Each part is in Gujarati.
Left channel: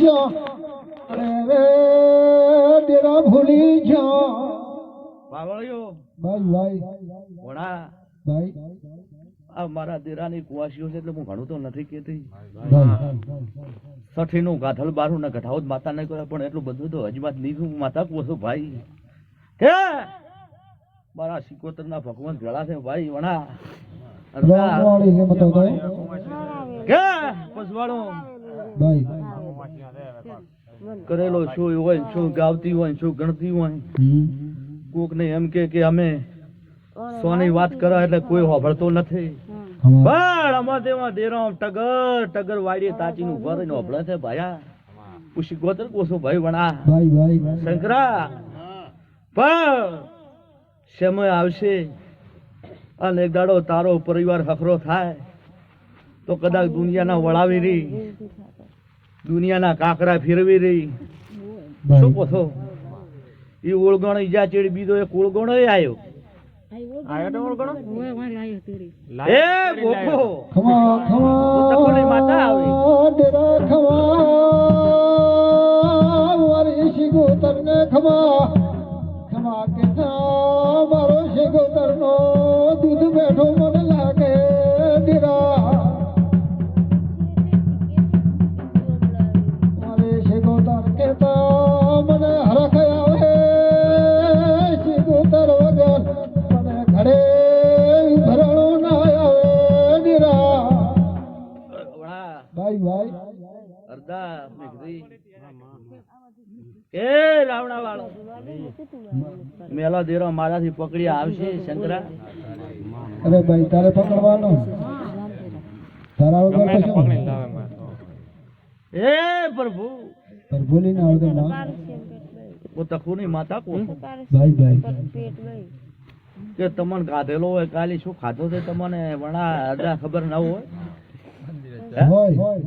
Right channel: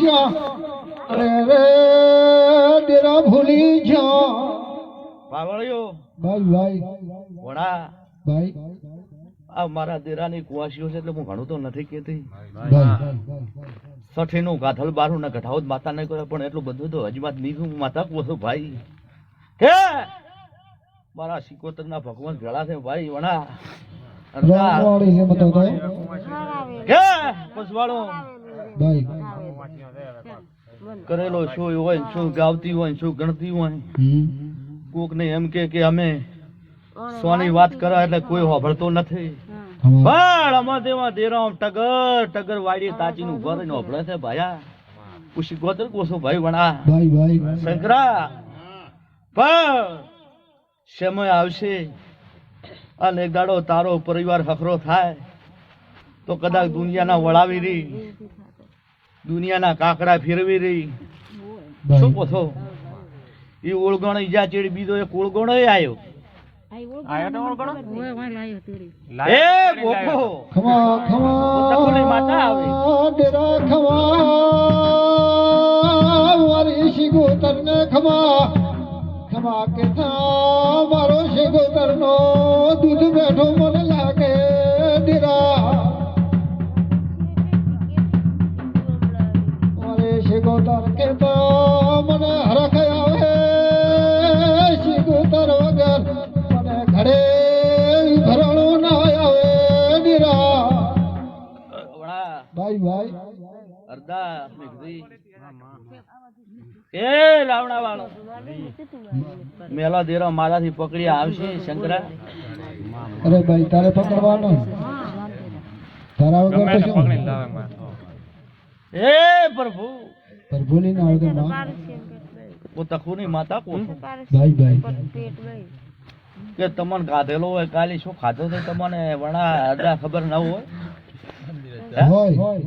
શ્યા અરે રે ડેરા ભૂલી જા બાવળિયો ભાઈ વડા ભાઈ આ મારા દેરાની કુવાસીઓ છે એટલે હું ઘણું તો નથી કહેતી ભાઈ સઠીનું ગાધલ બારું ના ઘટાવો માતા નહીં કરે પણ એટલું બધું તો હજી નીકળું માતા કોસો ભાઈ હે મારા સિકોતર ના ભગવાન ભેળા છે ભાઈ વણા રામવાળી છે મતો તો હે પસવાળો ભાઈ કરેલો શું હોય શું ગાવતી હોય શું ગણતી હોય કોક ને એમ કે અમે સોની વાત કરો એટલે કોઈ હોભળતો નથી પણ અમાર તેમાં દેરામ ટગર વાડી તાચી નું ઘર ને હોભળે છે ભાયા પુષી ગોતર કોસો ભાઈ વણા ભાઈ શંકરા પણ સમય આવશે અને એક દાડો તારો પરિવાર હફરો થાય તો કદાચ દુનિયાના વળાવી રહી દુનિયાના કાકડા ફેરવી રહી શું કહો એ ઓળગણ ઈજા ચેડી બીજો એક ઓળગણો આવ્યો એ બોકો ખમા તકોની માતા આવી ડેરા ખમા મારી શિગોતર ને ખમા કે થા મારો શિગોતર નો દૂધ બેઠો મને લાગે ડેરા મારી શિગોતર કે થા મને હરખ આવે શિગોતર વગર મને ઘડે ભરણો ના આવે ડેરા ભાઈ અરદા મેઘરી એ રાવણા વાળો મેલા દેરો મારાથી પકડી આવશે શંકરા અરે ભાઈ તારે પકડવાનો તારા વગર તો શું એ પ્રભુ ભૂલી ના આવતો માં ઓ તખુની માતા કો ભાઈ કે તમને ખાધેલો હોય કાલે શું ખાધો તો તમને વણા અરદા ખબર ન હોય હોય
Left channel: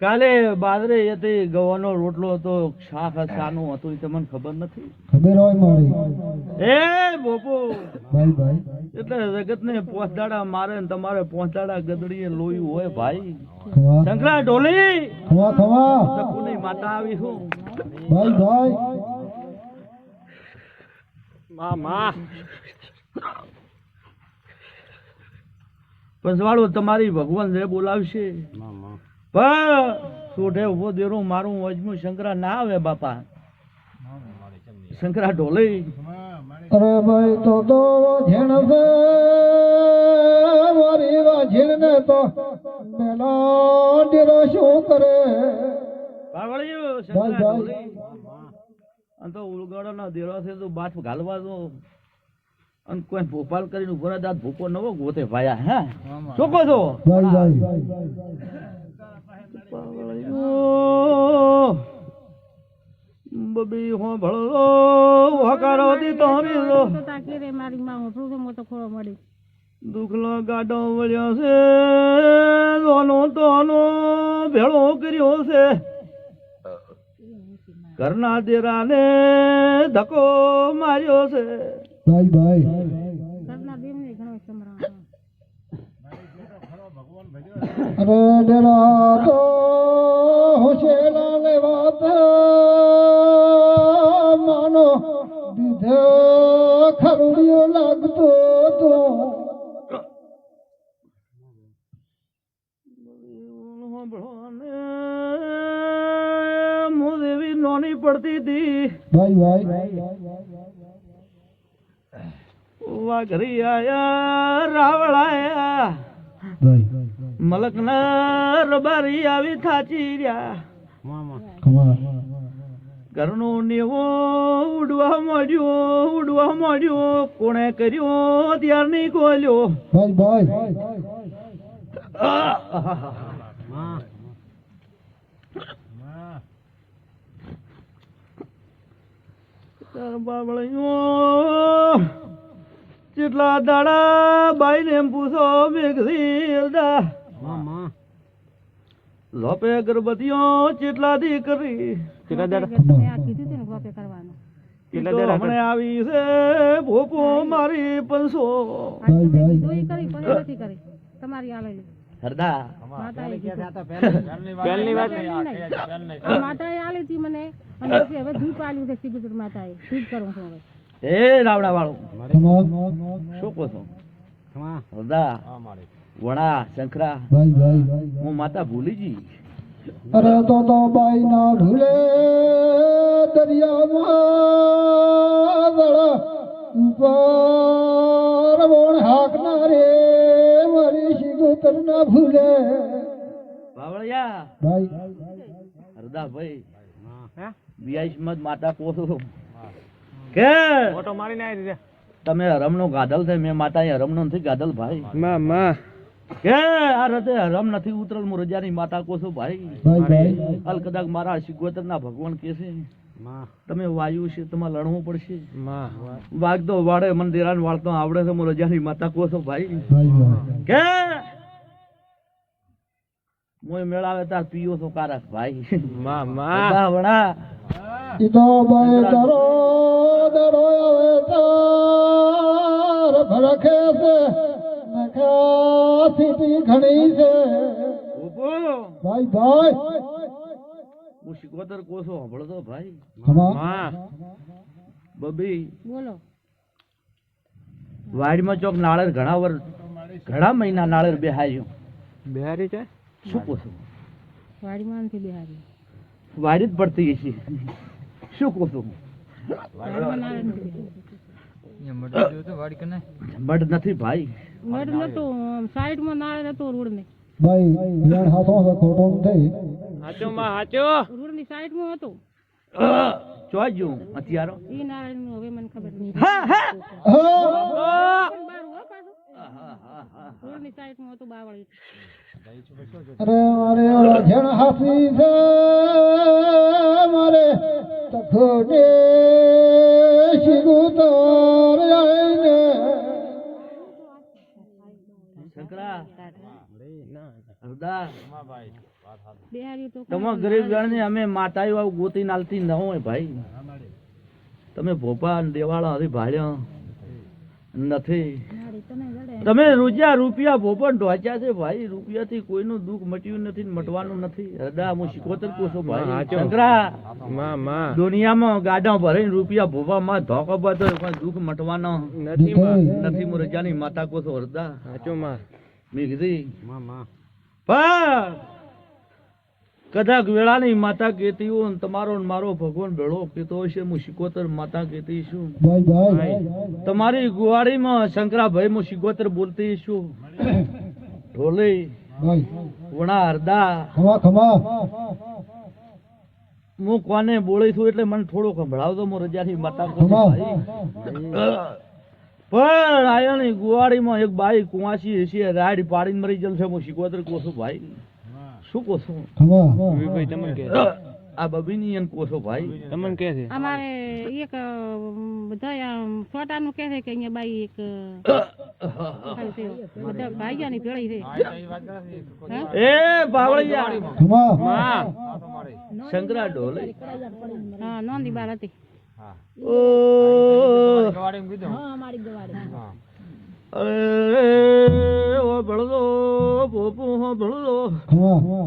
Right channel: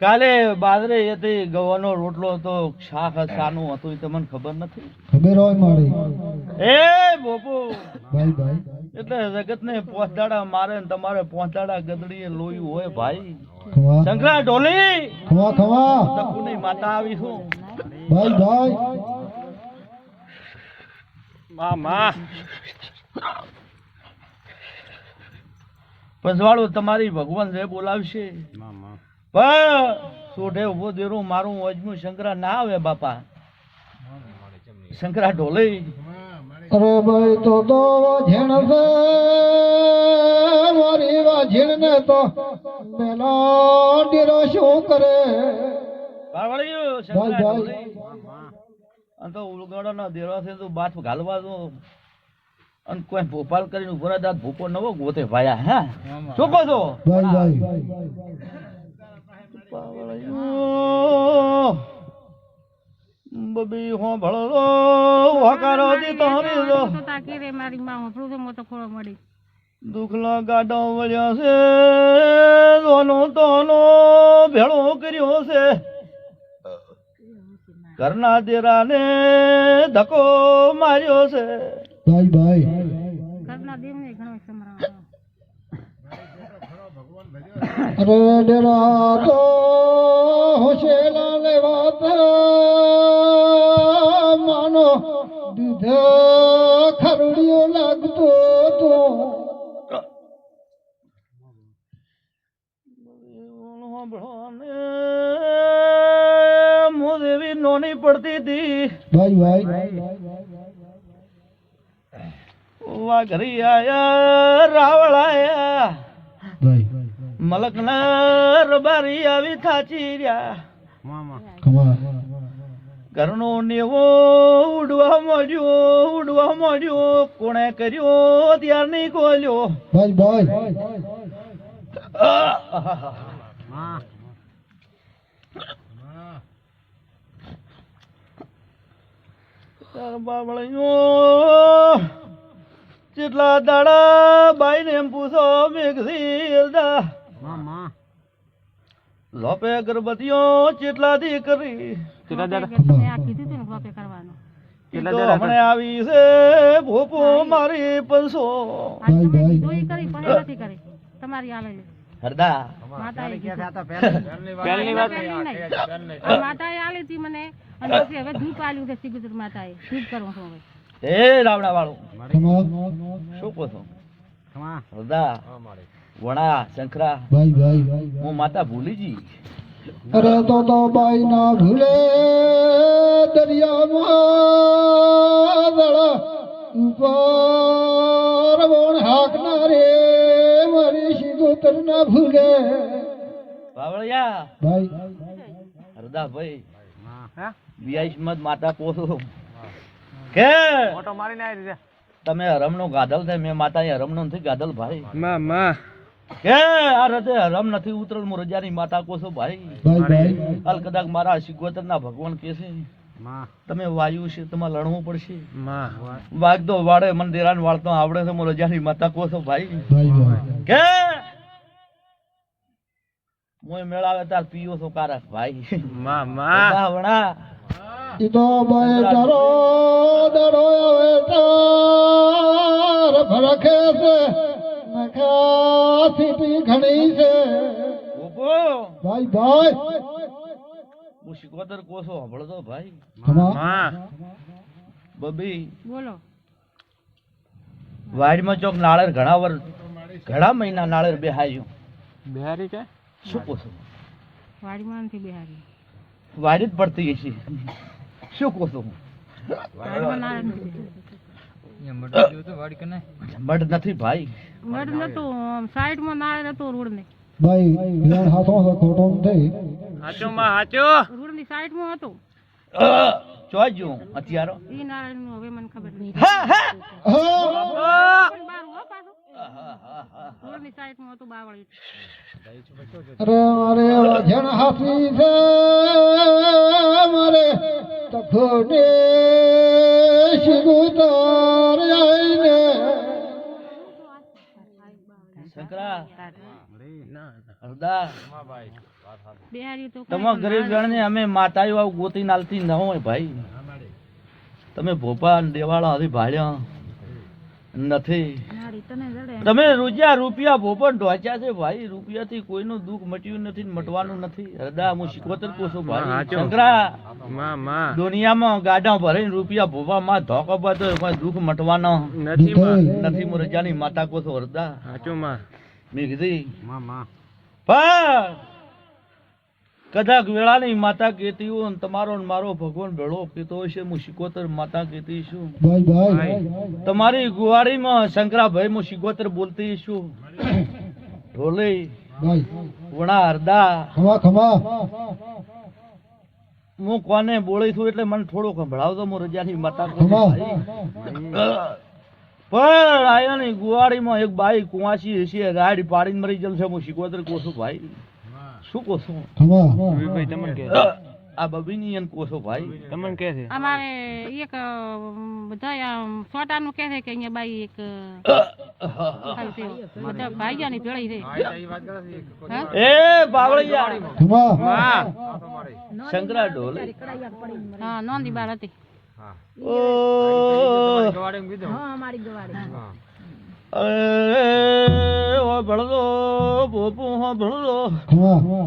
કાલે બાજરે હતી ગવાનો રોટલો હતો શાક સાનું હતું એ તમને ખબર નથી ખબર હોય મારી એ બોપો ભાઈ એટલે જગત ને પોંચડાડા મારે ને તમારે પોંચડાડા ગદડીએ લોહી હોય ભાઈ ખવા શંકરા ઢોલી ખવા તકુની માતા આવી છું ભાઈ પસવાળો તમારી ભગવાન જે બોલાવશે પણ સોઢે ઉભો દેરો મારું અજમું શંકરા ના આવે બાપા શંકરા ઢોલી અરે ભાઈ તો ઝીણ છે મારી વાઝીણ ને તો મેલા ડેરો શું કરે ભાઈ તો ઉલગડો નો દેરો છે તો બાથ ઘાલવા દો અને કોઈ ભોપાલ કરીને ઉભરા દાંત ભૂકો નવો ગોતે ભાયા હે શું કહો છો ભાઈ બબી હો ભળો વાકારો દી તોરે તો તાકી રે મારી માં હોફળું તો મોટો ખોળો મળી દુખલા ગાડો વળ્યા છે લોનો તોનો ભેળો કર્યો છે ઘરના દેરાને ધક્કો માર્યો છે ભાઈ ઘરના દેવને ઘણો સમરાવ અરે ડેરા તો હોશેલા લેવાત માનો દીધે ખરડીયો લાગતો તો મોદેવી નોની પડતી હતી ભાઈ વાઘરી આયા રાવળાયા મલકના રબારી આવી થાચી રહ્યા ઘરનો નેવો ઉડવા માંડ્યો કોણે કર્યો ત્યાં નહીં ખોલ્યો ભાઈ કેટલા દાડા બાઈ ને પૂછો મેઘલી લોપે ગરબતીઓ ચેટલા દી કરી તમે આ કીધું તું ને ગોપે કરવાનું આવી છે ભોપો મારી 500 આ તમે કીધું ઈ કરી પણ નથી કરી તમારી આલે હરદા માતાએ કીધું. પહેલી વાત પહેલી નહીં. આ માતાએ આલી હતી મને અને પછી હવે ધૂપ આલ્યું છે સિગુદર માતાએ. ધૂપ કરું છું હવે. એ રાવણા વાળો ખમા શું કહો છો હરદા વણા શંકરા ભાઈ ભાઈ હું માતા ભૂલી જી અરે તો બાઈ ના ભૂલે દરિયામાં દડા ઉપર વણ હાકના રે મારી સિગોતર ના ભૂલે બાવળિયા ભાઈ હરદા ભાઈ હા વિયાઈશ મત માતા પોસો કે ઓટો મારીને આવી રીતે તમે હરમનો ગાધલ છે મેં માતા એ હરમનો નથી ગાધલ ભાઈ માં કે આ રતે હરમ નથી ઉતરલ મુ રજાની માતા કોસો ભાઈ ભાઈ ભાઈ હાલ કદાચ મારા સિગોતર ના ભગવાન કે છે તમે વાયુ છે તમારે લડવું પડશે વાઘ તો વાડે મને દેરાન વાળતો આવડે છે મુ રજાની માતા કોસો ભાઈ ભાઈ ભાઈ કે મોય મેળાવે તાર પીયો છો કારક ભાઈ બધા વણા ઈ તો બાઈ ડરો ડરો આવે તાર ફરખે છે નખા સીટી ઘણી છે ઉભો ભાઈ ભાઈ હું સિકોતર કોસો હંભળતો ભાઈ ખમા બબી બોલો. વાડીમાં ચોક નાળેર ઘણા મહિના નાળેર બેહાયું બિહારી છે શું કહો છો વાડીમાં નથી બેહારી. વાડી જ પડતી છે શું કહો છો વાડીમાં ના નથી. મઢ નથી ભાઈ મઢ નતું. સાઈડમાં નાળે નતું રોડ ને. ભાઈ વેણ હાથો છે ખોટો નથી હાચો માં હાચો રોડ ની સાઈડમાં હતું. જોજો અત્યારો ઈ નાળે નું હવે મને ખબર નહીં. હા પણ બાર હો પાછું. રોડ ની સાઈડમાં હતું બાવળી. અરે મારે વાજણ હાથી છે મારે તખોડે શિગુતર આઈને શંકરા હરદા બેહારી તો તમારા ગરીબ જણને અમે માતાઓ આવું ગોતી નાલતી ન હોય ભાઈ તમે ભોપા ને દેવાળા હજી ભાળ્યા નથી નાળી તને જડે. તમે રૂપિયા ભોપા ઢોચ્યા છે ભાઈ રૂપિયાથી કોઈનું દુઃખ મટ્યું નથી ને મટવાનું નથી હરદા હું શીખવતર કોસો ભાઈ શંકરા દુનિયામાં ગાડા ભરીને રૂપિયા ભોપા માં ધોકો બતો પણ દુઃખ મટવાનો નથી હું રજાની માતા કોસો હરદા હાચો માં મેં કીધી પણ કદાચ વેળાની માતા કહેતી હોય ને તમારો ને મારો ભગવાન ભેળો કહેતો હોય છે હું શિકોતર માતા કહેતી છું ભાઈ ભાઈ તમારી ગુવાડીમાં શંકરાભાઈ હું શિકોતર બોલતી છું ઢોલી ભાઈ વણા હરદા ખમા ખમા હું કોને બોલી છું એટલે મને થોડો સંભળાવતો હું રજાની માતા ખમા પણ આયાની ગુવાડીમાં એક બાઈ કુંવાસી હશે ગાડી પાડીને મરી જશે હું શિકોતર કોસો ભાઈ શું કહો છો ખમા ભાઈ તમને કે આ બબીની એમ કહો છો ભાઈ તમને કે છે અમારે એક બધા છોટાનું કહે છે કે અહીંયા બાઈ એક ખાલી છે. બધા ભાઈયાની ભેળી છે. હા? એ બાવળિયા ખમા શંકરા ઢોલે હા નોંધી બાર હતી. ઓ ઓ ભળલો બોપુ હો ભળલો ખમા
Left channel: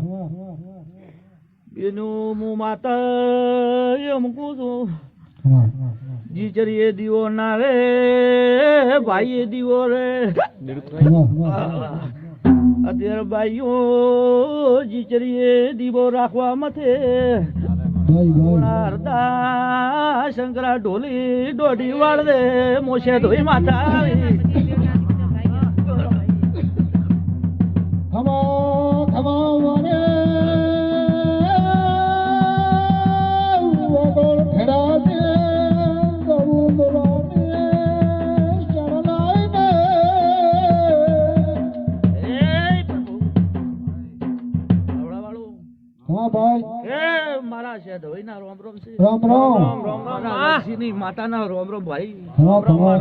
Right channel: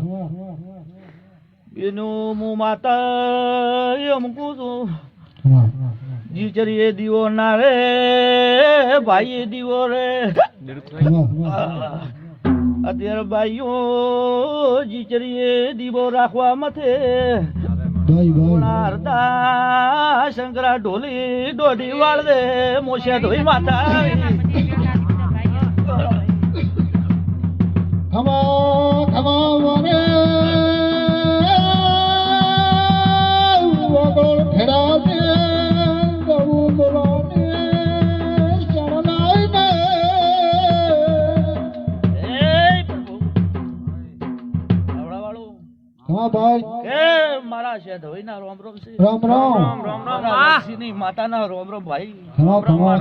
એનું મુ માતા એમ કૂદું ખમા જીચરીએ દીવો ના રે ભાઈએ દીવો રે અત્યારે ભાઈઓ જીચરીએ દીવો રાખવા મથે ભાઈ ભાઈ હરદા શંકરા ઢોલી દોઢી વાળ દે મોશે ધોઈ માતા પછી ભેગા બધા ભાઈઓ. ખમા ખમા મને વગર ખેડા દે દવું દુરાને ચડલાઈને ખમા ભાઈ મારા છે ધોઈના રોમ રોમ છે રામ રામ મારા ઋષિની માતાના રોમ રોમ ભાઈ ખમા ખમા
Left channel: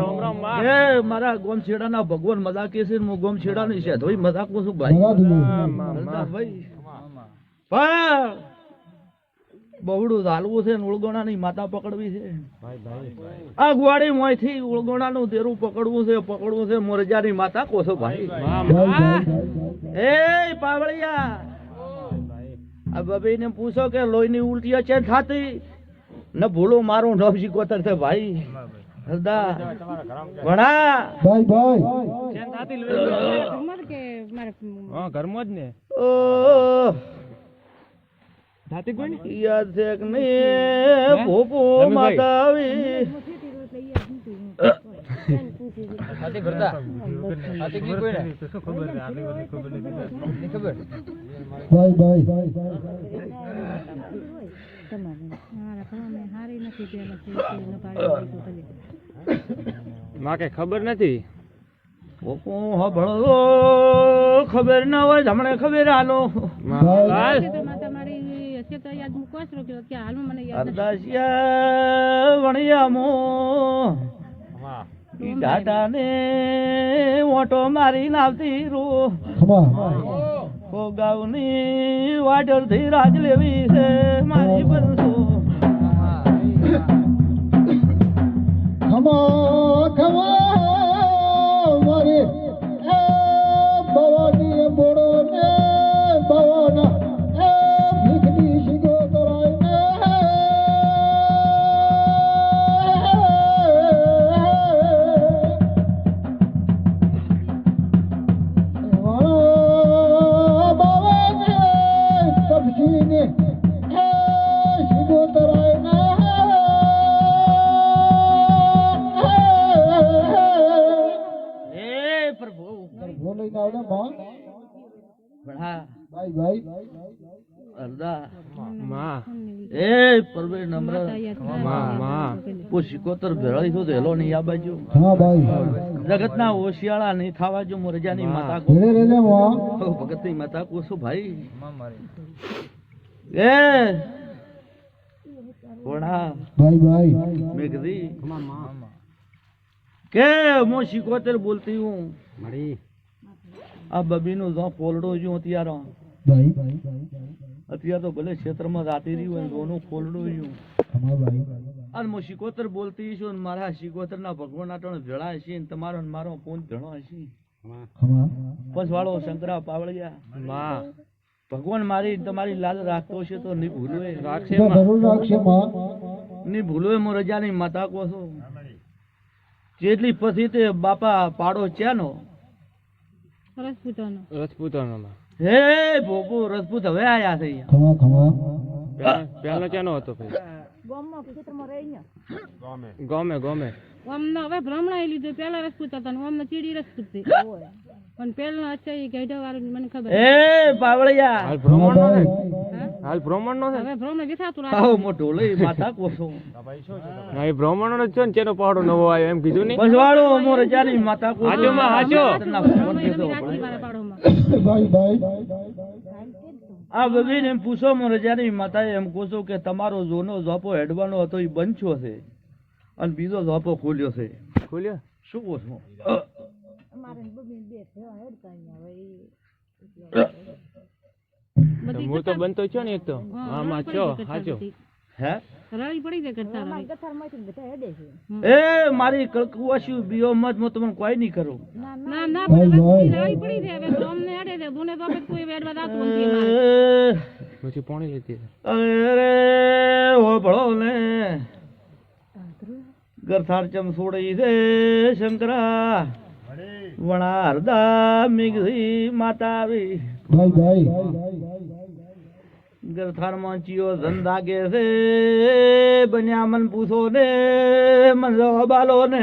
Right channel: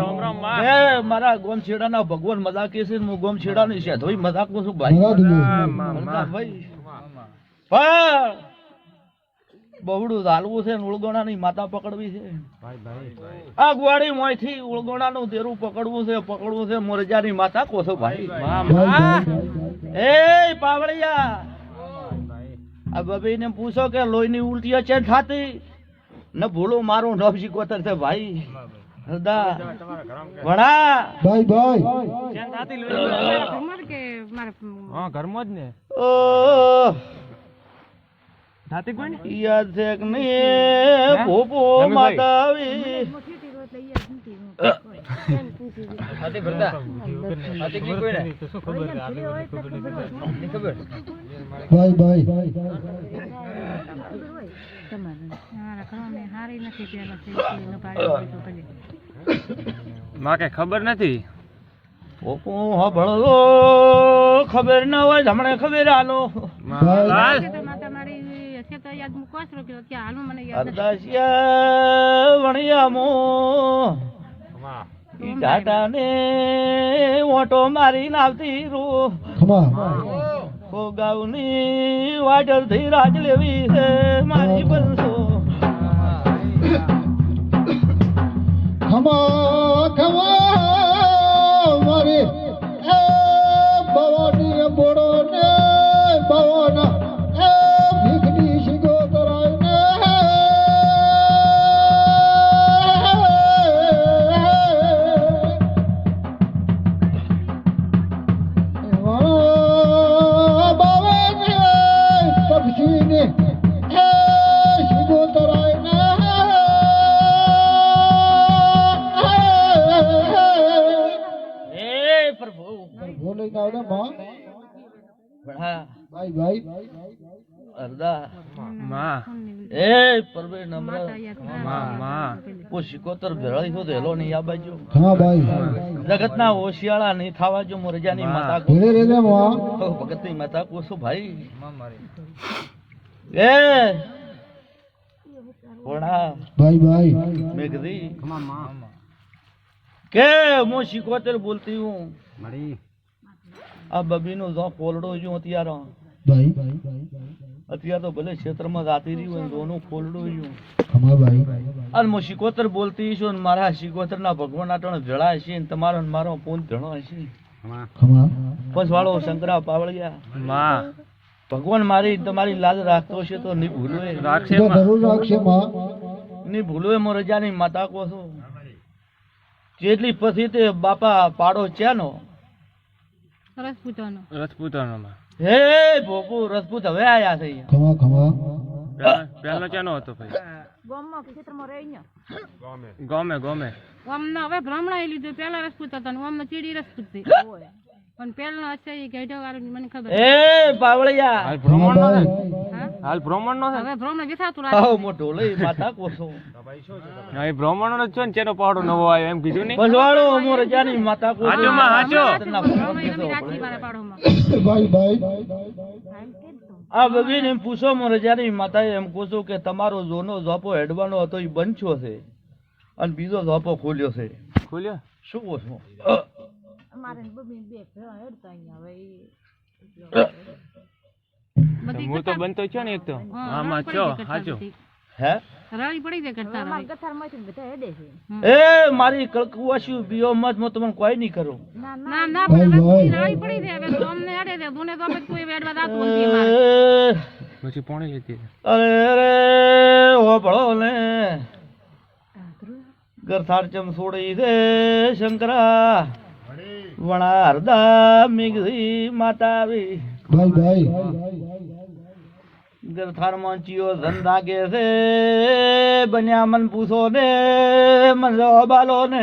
એ મારા ગોમ છેડાના ભગવાન મજા કે છે હું ગોમ છેડાની છે ધોઈ મજાક છું ભાઈ ભગા દીધું ભાઈ પણ બહુડું ઝાલવું છે ને ઉળગોણાની માતા પકડવી છે. આ ગુવાડી મોયથી ઉળગોણાનું દેરું પકડવું છે મોરજાની માતા કોસો ભાઈ. એ પાવળિયા આ બબીને પૂછો કે લોહીની ઉલટીઓ છે થાતી ન ભૂલું મારું નવજી કોતર છે ભાઈ. હૃદા ભણા ભાઈ ભાઈ મારા ઘરમાં કે મારા હા ઘરમાં જ ને ઓહ, થાતી કોઈ ને યાદ છે કે નહીં ભોપો રમેશભાઈ. માતા આવી. થાતી ભરતા થાતી કોઈ કોઈ ને ખબર ભાઈ ભાઈ મારા ઘરમાં મેં હારી નથી પેલા થઈ ન પાડી દીધું ભલે. માં કઈ ખબર નથી ભોપો હભળો ખબર ન હોય હમણે ખબર આનો. ભાઈ હશે તો માતા મારી હશે તો યાદ મૂકો છો કે ત્યાં હાલમાં મને યાદ નથી. અરદાસિયા વણિયામો ઈ ટાટાને ઓટો મારી નાવતી રૂ ખમા ગોગાવની વાટલથી રાજ લેવી છે મારી બંધુ. ખમા ખમા મારી એ ભવાની બોડો ને ભવાના એ ભીખની શિગો કરાય ને બાવાને પક્ષીને એ શિગો કરાય ને એ પ્રભુ બોલે આવડે માં ભણા ભાઈ ભાઈ અરદા માં એ પરવે નમ્ર માતા યાદ માં કરાવે. માં કો શિકોતર ભેળાઈ તો દેલો નહીં આ બાજુ. હા ભાઈ જગતના ઓશિયાળા નહીં થવા જો મોરજાની માતા ધીરે ધીરે માં કહો ભગતની માતા કોસો ભાઈ. એ ભણા ભાઈ ભાઈ મેઘદી કે હું શિકોતર બોલતી હું આ બબીનું જો ફોલડો જો અત્યારે ભાઈ અત્યારે તો ભલે ક્ષેત્રમાં જાતી રહી હોય દોનું ફોલડું જો ખમા ભાઈ અને હું શિકોતર બોલતી છું ને મારા શિકોતરના ભગવાન આટણ જળા હશે ને તમારો ને મારો પૂન ધણો હશે. ખમા બસ વાળો શંકરા પાવળિયા માં ભગવાન મારી તમારી લાજ રાખતો હશે તો નહીં ભૂલો રાખશે તો માં જરૂર રાખશે માં નહીં ભૂલો મોર રજાની માતા કો છો. જેટલી પછી તે બાપા પાડો ચાનો રસપૂતાનો રજપૂતાનો માં હે ભોપુ રજપૂત હવે આયા છે અહીંયા. ખમા ખમા પહેલો ચાનો હતો ભાઈ ગામમાં ક્ષેત્રમાં રહી ગયા. ગમે ગમે ઓમના હવે બ્રાહ્મણા લીધું પેલા રસપૂત હતા ને ઓમના ચીડી રસપૂત છે. પણ પેલા હશે એ ગઢા વાળું મને ખબર. એ પાવળિયા હાલ ખમા બ્રાહ્મણ નો ભાઈ હા? હાલ બ્રાહ્મણ નો છે હવે બ્રાહ્મણ વિસાતું આવો રાખે. મોટો લઈ માતા કોસો હા એ બ્રાહ્મણ નો જ છો ને ચેનો પહાડો નવો આવ્યો એમ કીધું ને બસ વાળો મોર રજાની માતા કોસો હાચો માં હાચો બ્રાહ્મણ રમી રાખી મારા પાડોમાં. ભાઈ ભાઈ આ બબીને પૂછો મોર રજાની માતાએ એમ પૂછો કે તમારો જોનો ઝોપો હેડવાનો હતો એ બંધ છે અને બીજો ઝોપો ખોલ્યો છે ખોલ્યો શું કહો છો? બધી હું તો બનતો છો ને એક તો હા, હા માં રળી છો પડી જાય હાચો બધી. હે રળી પડી જાય કરતા રળી. એ મારી કળકુવાસી બીઓ મત હું તમને કોઈ નહીં કરું. ના ના ભાઈ, પણ ભાઈ. રળી પડી જાય હવે તો અમને અડે છે દુને તો આપણે કોઈ વેડવા દાતું નથી અમારે. પછી પોણી લીધી અરે અરે હો ભળો ને ગરથાર ચમ છોડી દે શંકરા વણા હરદા મિગરી માતા આવી ભાઈ ગરથાર માં ચિયો ધન લાગે છે બન્યા મન પૂછો ને મન બાલો ને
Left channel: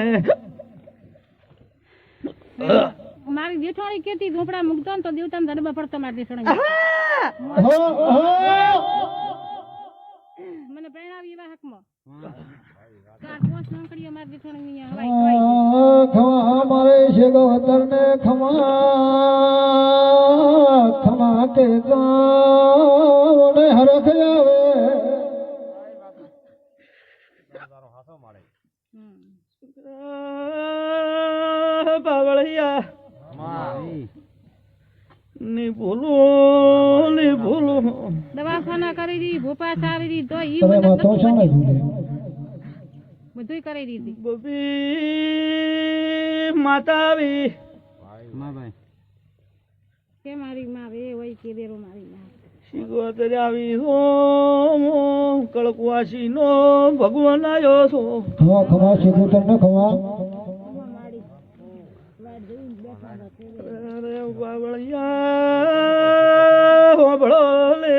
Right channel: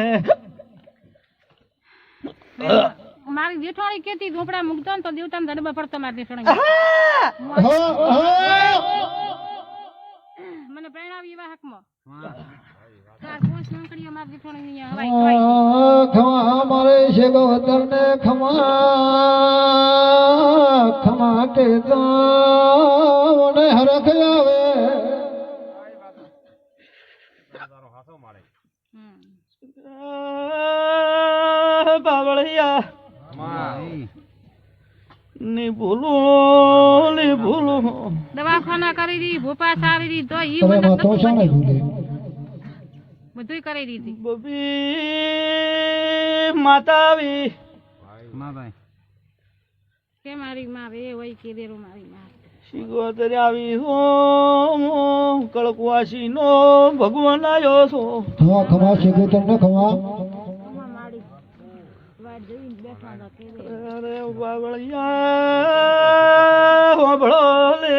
મારી જેઠાણી કેતી ઝોપડા મૂકતો ને તો દેવતા દડબા પડતો મારી જેઠાણી મને પ્રેરણાવી એવા હકમાં ચાર પાંચ નોકરીઓ મારી જેઠાણી અહીંયા હવાઈ ખવાઈ ગઈ. ખમા મારે છે ગોતર ને ખમા કે તો મને હરખ આવે હમ. બાવળિયા ની ભૂલું દવા દવાખાના કરી દી ભોપા સારી દી તો ઈ અરે મને માં તો નતું શાણે વધ્યું. ભૂલે બધુંય કરી દીધી બબી માતા આવી કે મારી માં રે હોય કે દેરો મારી માં શિગોતર આવી હો કળકવાસી નો ભગવાન આવ્યો છો ખમા ખમા શિગોતર ને ખમા માડી વાડ જોઈને બેઠા હતા કે અરે બાવળિયા હોબળો લે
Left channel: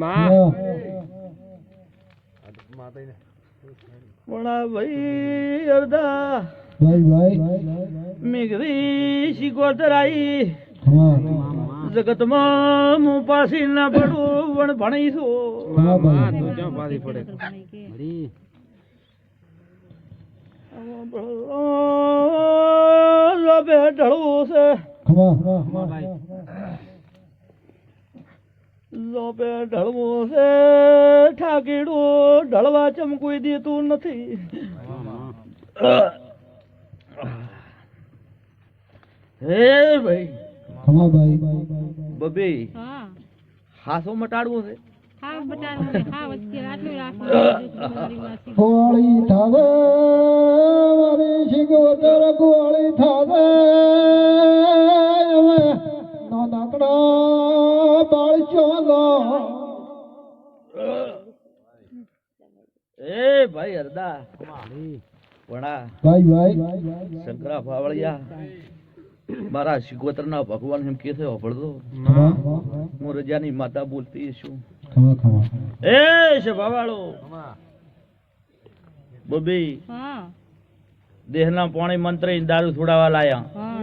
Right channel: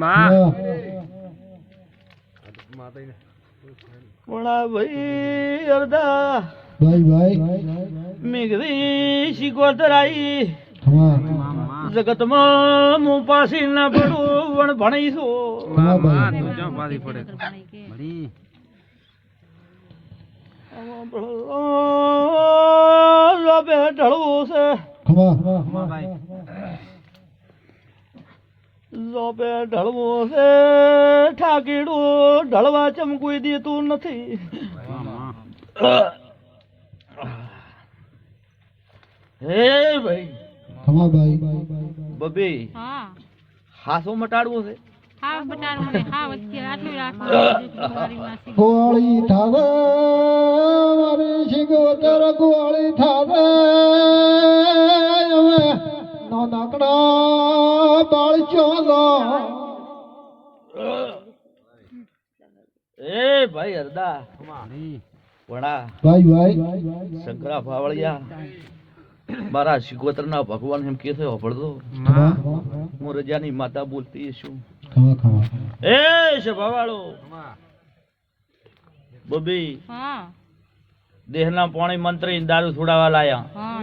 હા. વણા ભાઈ અડધા ભાઈ મેઘરી શિગોતર આવી ખમા જગતમાં હું પાછી ના પડું પણ ભણીશું ખમા ભાઈ લાભે ઢળવું છે ખમા લોપે ઢળવું છે ઠાકીડું ઢળવા ચમકુઈ દેતું નથી હે ભાઈ ખમા ભાઈ બબી હા હાસો મટાડવો છે હા બટાડો ને હા વચ્ચે આટલું રાખવાનું મારી માસી ગોળી થાવે મારી શિગોતર ગોળી થાવે હવે નાનકડા બાળ ચોલો એ ભાઈ હરદા વડા ભાઈ શંકરા ફાવળિયા મારા શિકોતર ના ભગવાન એમ કે છે અભળતો ખમા હું રજાની માતા બોલતી છું ખમા એ શભાવાળો બબી હા દેહના પાણી મંત્રી દારૂ છોડાવા લાયા હા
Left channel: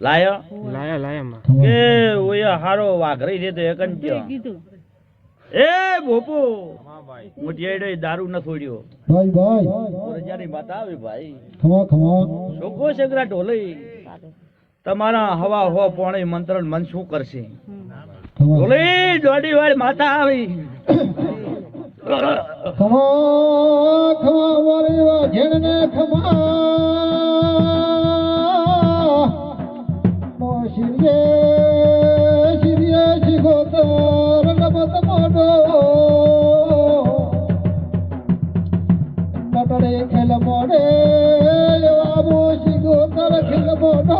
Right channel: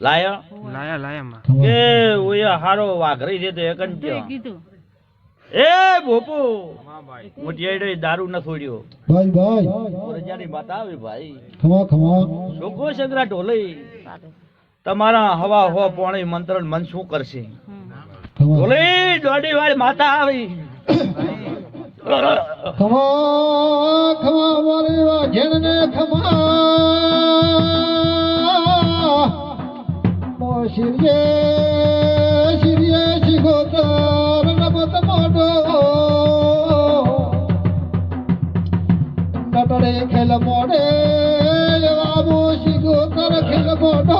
લાયા ખમા એ ઓયા હારો વાઘરી દેતે એકંત્ય કીધું એ ભોપો મોટિયાડે દારૂ ન છોડ્યો ભાઈ હું રજાની માતા આવી ભાઈ ખમા શોકો સગરા ઢોલઈ તમારા હવા હો પાણી મંત્રણ મન શું કરશે ખમા ઢોલઈ દોડી વાળી માતા આવી ખમા મારી વાઘેણ ને ખમા શિરીએ શિગોતર રમત મોડો નટડે ખેલ મોડે બાબુ શિગોતર ખેલ મોડો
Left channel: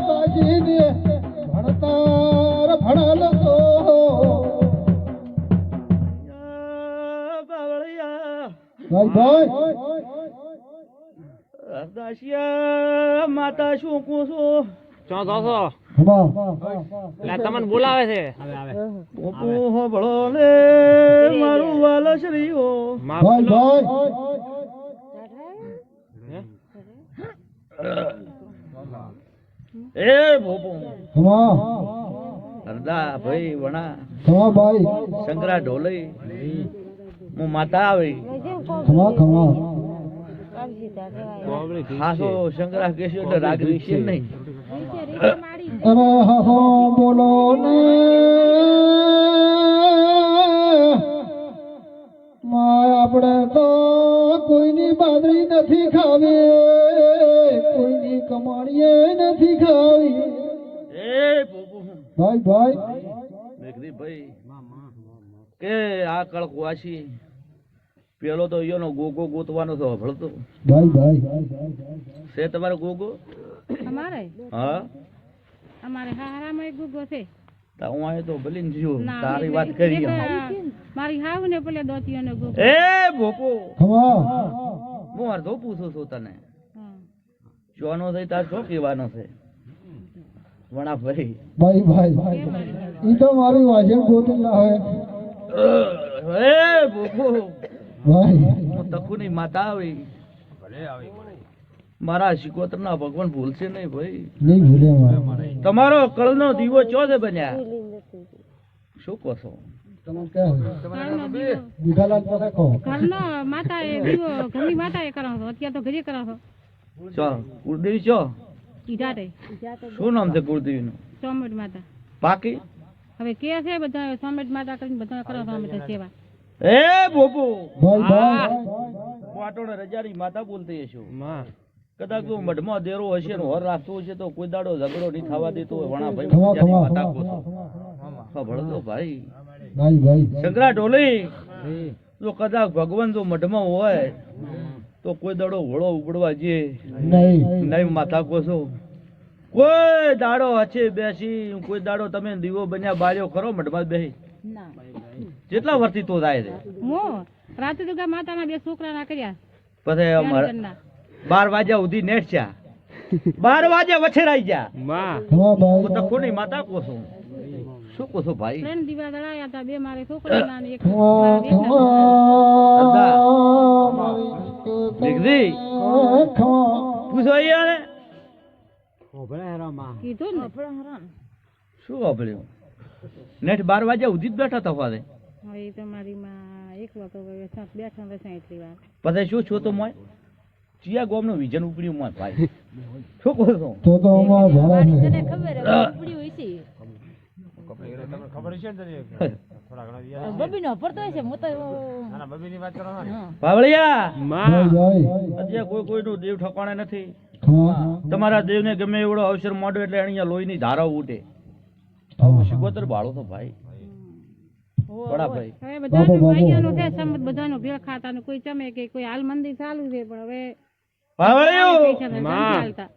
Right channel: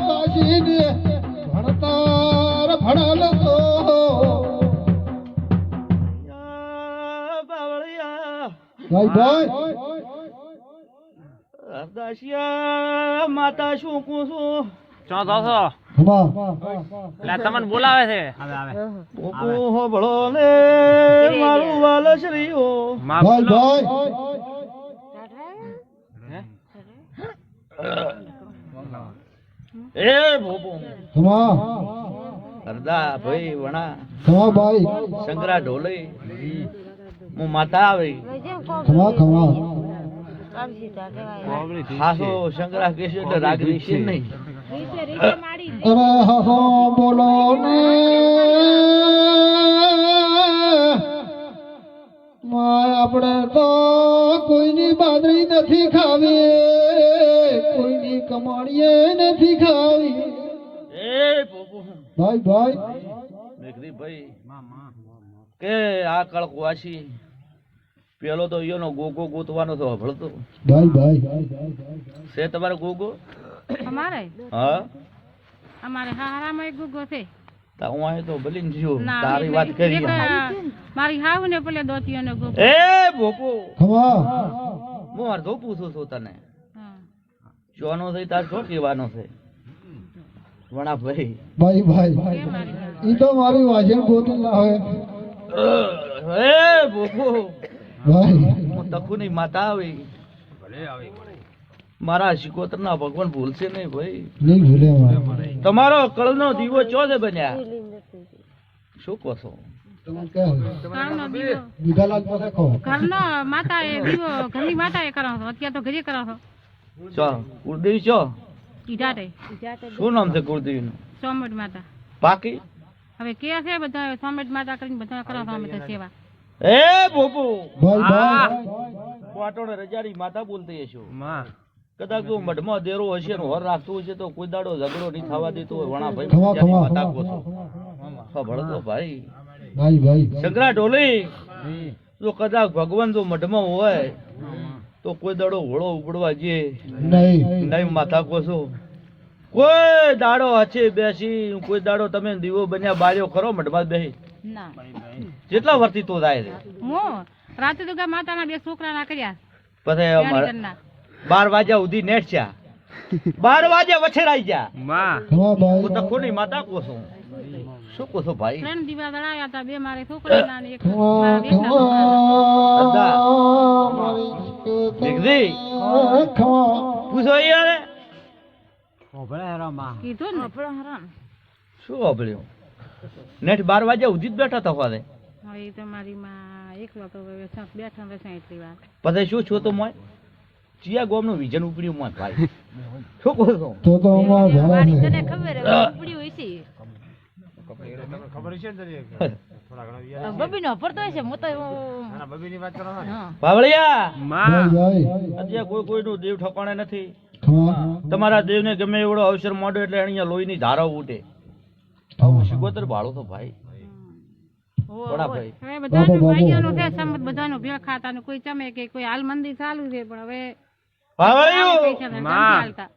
કાશીને ભણતર ભણેલ તો ભાઈ દાસિયા માતા શું કહું છું ખમા તમને બોલાવે છે ભોપો હો ભળો ને મારું વાલશ્રીઓ ભાઈ એ ભોપો ખમા હરદા ભાઈ વણા ખમા ભાઈ શંકરા ઢોલઈ હું માતા આવી ખમા હાસો શંકરા કેશો તો રાગવી છે નહીં અરે હસો બોલો ને માય આપણે તો કોઈની બાદરી નથી ખાવી કોઈની કમાણીએ નથી ખાવી એ ભોપો ભાઈ મેઘરી ભાઈ કે આ કળકવાસી પેલો તો ઈયોનો ગોગો ગોતવાનો તો હભળતો ભાઈ છે તમારે ગોગો અમારે હા હારામાં એક ગુગો છે તા હું અહીં તો ભલીને જીવ ના તારી એટલે વાત કરી એક, મારી હાવ ને પેલે દોતીઓનો ગુગો એ ભોપો ખમા હું અડધો પૂછું છું તને હા જોનો થઈ તાર શું કહેવાનો છે વણા ભાઈ ભાઈ કે મારી હાવ. ઈ તો મારી વાજણ ગોતું લાવે એ ભોપો ભાઈ હું તકુની માતા આવી મારા શિકોતરના ભગવાન ભૂલશે નહીં ભાઈ નહીં ભૂલે મારે તમારો કળનો દીવો ચો છે બન્યા શું કહો છો તમે કહે ઘરનો દીવો દીઘાલાલ પાસે કહો ઘરનો માતા એ દીવો ઘરની માતા એ કરો છો અત્યારે તો ઘરે કરો છો ચો કુળદેવી ચો ઈઢાટે શું નામ છે કુળદેવીનું સોમવડ માતા બાકી હવે કે છે બધા સોમવડ માતા કરીને બધા કરો છો અમે તો સેવા એ ભોપો ભાઈ વાટોડે રજાડી માતા બોલતી હશો કદાચ તો મઢમાં દેરો હશે ને હોર રાખતું હશે તો કોઈ દાડો ઝઘડો નહીં થવા દેતો હોય. વણા ભાઈ ખમા રજાની ખમા માતા કહો છો. હા, ભણતો ભાઈ ભાઈ ભાઈ શંકરા ઢોલી જો કદાચ ભગવાન જો મઢમાં હોય તો કોઈ દાડો ઘોડો ઉપડવા જે નહીં નહીં માથા કોસો કોઈ દાડો હચે બેસી કોઈ દાડો તમે દીવો બન્યા બાર્યો ખરો મઢમાં બેસી ના કેટલા વર્ષથી તો થાય છે હું રાતે તો માતાના 2 છોકરા ના કર્યા પછી ત્યાંની 12 વાગ્યા સુધી નેટ છે 12 વાગ્યા વછેરાઈ ગયા ખમા ભાઈ હું તો કોની માતા કોસો શું કોસો ભાઈ 3 દીવા દળાવ્યા હતા 2 મારે છોકરા ના ને એક ખમા મારા મેઘદી ખમા પૂછો યાર કીધું ને શું વાપર્યું નેટ 12 વાગ્યા સુધી જ બેઠા હતા હવે હવે તો મારી માં એકલો તો બેઠા બેઠા એટલી વાર પછી શું છો તો મોય ચિયા ગોમનું વિઝન ઉપડ્યું મોય ભાઈ શું કહો છો તો અમાર ભલા છે બબીનો પડતો હશે હું તો બાવળિયા ભાઈ ભાઈ અત્યારે કોઈ કોઈનું દેવ ઠોકાણે નથી ખમા તમારા દેવને ગમે એવડો અવસર મોડો એટલે અહીંયા લોહીની ધારા ઉઠે ખમા શિકોતર ભાળો તો ભાઈ બડા ભાઈ હવે બધાનો ભાઈઓનો છે સમત બધાનો ભેળ ખાતા ને કોઈ ચમે કે કોઈ હાલ મંદિર ચાલુ છે પણ હવે બાવળિયા, પૈસા નથી હાલતા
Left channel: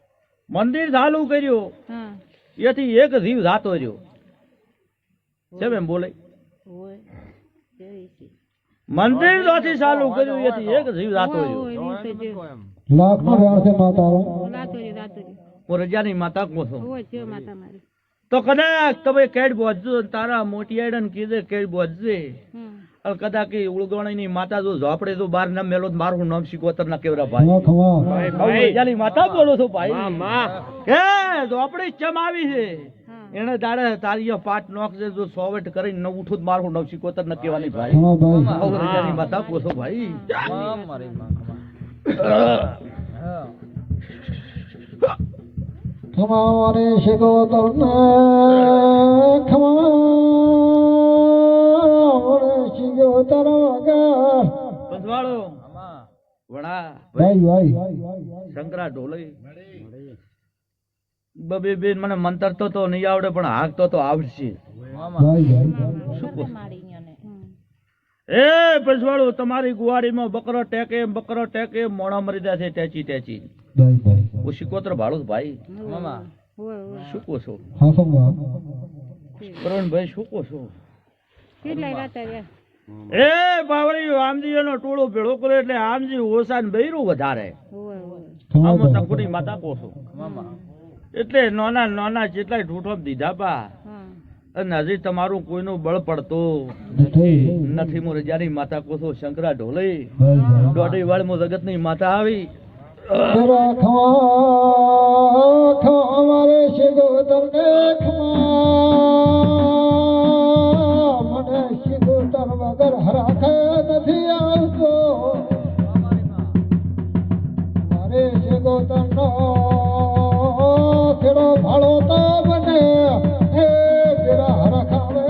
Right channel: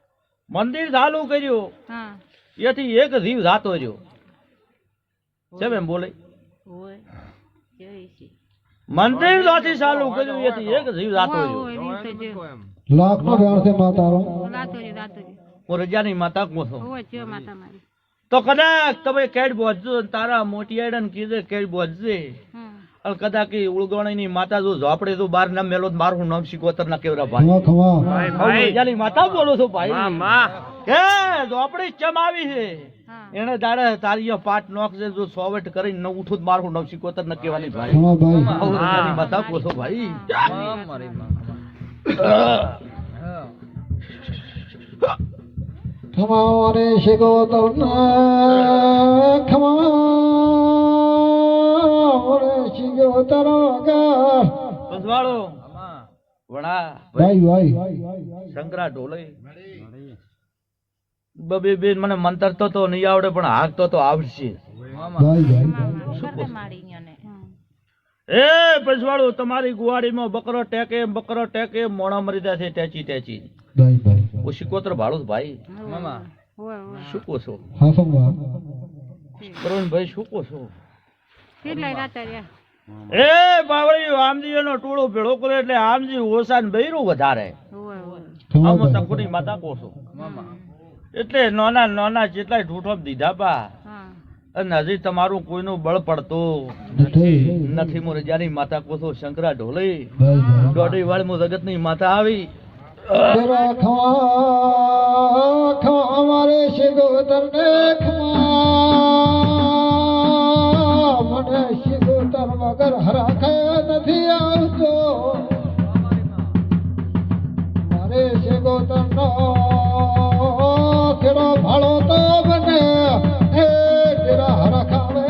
મંદિર ચાલુ કર્યું હા એથી એક જીવ જાતો રહ્યો કેમ એમ બોલે મંદિર નથી ચાલુ કર્યું એથી એક જીવ જાતો રહ્યો હોય રીત છે લાખ નો વ્યાર છે માતારો લાતો છે હું રજાની માતા કોસો હોય છે માતા મારી તો કદાચ તમે કેડ બોજજો તારા મોટી આઈડન કીધે કેડ બોજજે અને કદાચ કે ઉળગણની માતા જો ઝોપડે તો બાર ના મેલો તો મારું નામ શિકોતર ના કેવરા ભાઈ ખમા ખમા રજાની માતા બોલો છો ભાઈ હે ઝોપડી ચમ આવી છે હા એને તારે તારી પાટ નોખજે જો સોવટ કરીને ન ઉઠું તો મારું નામ શિકોતર ન કહેવાની ભાઈ ખમા ભાઈ રજાની માતા બોલો ભાઈ ખમા રે શિકોતર ને ખમા રે શિકોતર વગર પંજવાળો વડા ભાઈ ભાઈ શંકરા ઢોલે બબે બેન મને મંતર તો નહીં આવડે પણ હાક તો આવડશે ભાઈ ભાઈ એ પંજવાળો તમારી ગુવાડીમાં બકરો ટેકે મોણા મરી જાય છે ટેચી ટેચી ભાઈ ભાઈ હું શિકોતર ભાડું ભાઈ હોય હોય શું કહો છો હા સમા કરુણભાઈ શું કહો છો કેટલાય રાતા રહ્યા એ બાવળી આમજી એનો ટોળો ભેળો કરે એટલે આમજી ઓછા ને બૈરું વધારે હોય હોય ખમા આમાં ભાઈ તકુની માતા કહો છો એટલે નાના નાના જેટલાય ઢૂંઠો દીધા પા હા અને હજી તમારું કોઈનું બળ પડતું નથી નથી મો રજાની માતા કહો છો શંકરા ઢોલે ભાઈ ભાઈ દોઢી વાળમાં જગતની માતા આવી તેરા ખમા ખમા અમારે શિકોતર ને ખમા મને શિકોતર વગર હરાખાય નથી આવતો મારે શિકોતર નો ખેડો ભાળો તો બને હે તેરા હરાખાવે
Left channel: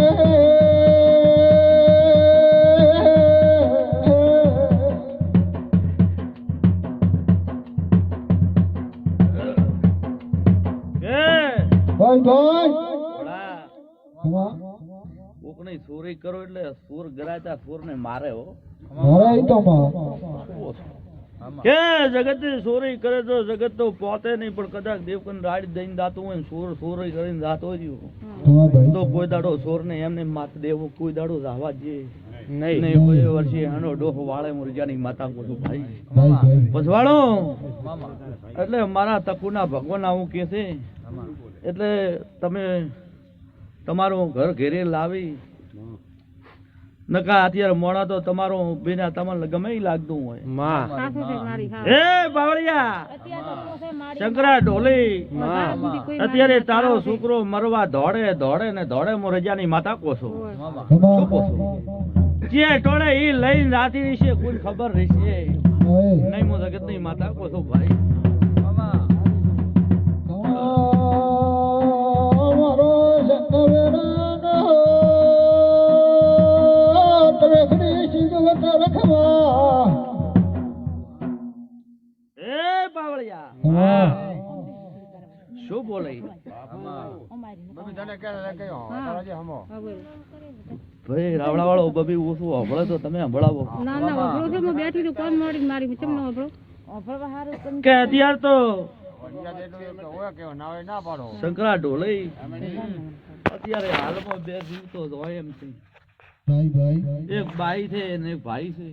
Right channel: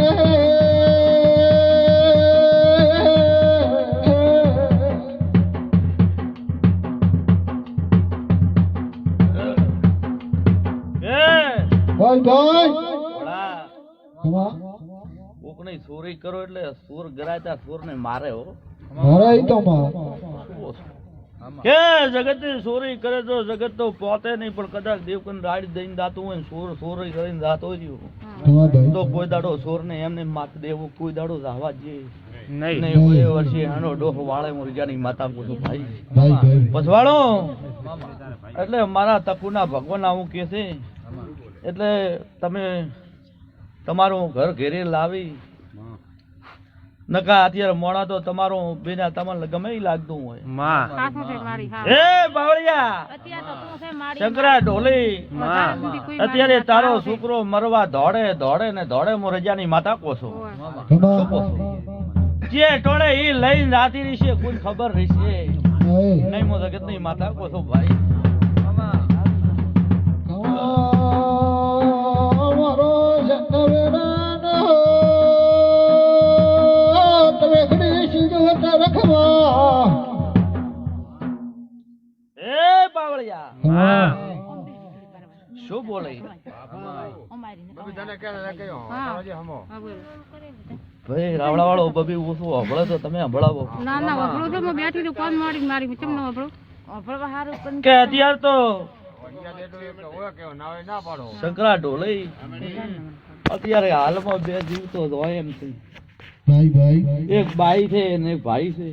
એ ભાઈ ભાઈ વડા, ખમા કોકની ચોરી કરો એટલે સુર ગરાતા સુર ને મારે હો મારે ઈ તો માં કે જગત ની ચોરી કરે તો જગત તો પોતે નહીં પણ કદાચ દેવકન રાડ દઈને દાતું હોય ને ચોરી કરીને દાતો રહ્યું ખમા ભાઈ તો કોઈ દાડો ચોર ને એમને માત દેવો કોઈ દાડો રાવા જે નહીં ને કોઈ વર્ષે આનો ડોહ વાળે મુરજાની માતા બોલો ભાઈ ભાઈ ભાઈ પછવાણો એટલે મારા તકુના ભગવાન આવું કે છે એટલે તમે તમારું ઘર ઘેરે લાવી નકા અત્યારે મોડા તો તમારું બેના તમને ગમે ઈ લાગતું હોય સાસુ છે મારી હા હે બાવળિયા અત્યારે તો તું છે મારી શંકરા ઢોલી વધારે સુધી કોઈ મારી અત્યારે માતા તારો આવે. છોકરો મરવા દોડે દોડે ને દોડે મો રજાની માતા કોસો હોય. ખમા જે ટોળે ઈ લઈને રાતી રહેશે કોઈ ખબર રહેશે ભાઈ નહીં મો જગત ની માતા કોસો ભાઈ અમારો જનવેરાનો તમે ઘડી શિકોતર ખમા એ બાવળિયા ખમા શું બોલે અમારી હા હા બોલો ભાઈ રાવણા વાળો બબી ઓછું હંભળે તો તમે હંભળાવો. ના ના વગડું છે હું બેઠી છું કોણ મારી મારી ચમ ન વગડું અભળવા હારું પણ કે અત્યારે તો શંકરા ઢોલે અત્યારે હાલમાં બે જીવતો જ હોય એમ છે. ભાઈ ભાઈ એક બાઈ છે ને એક ભાઈ છે.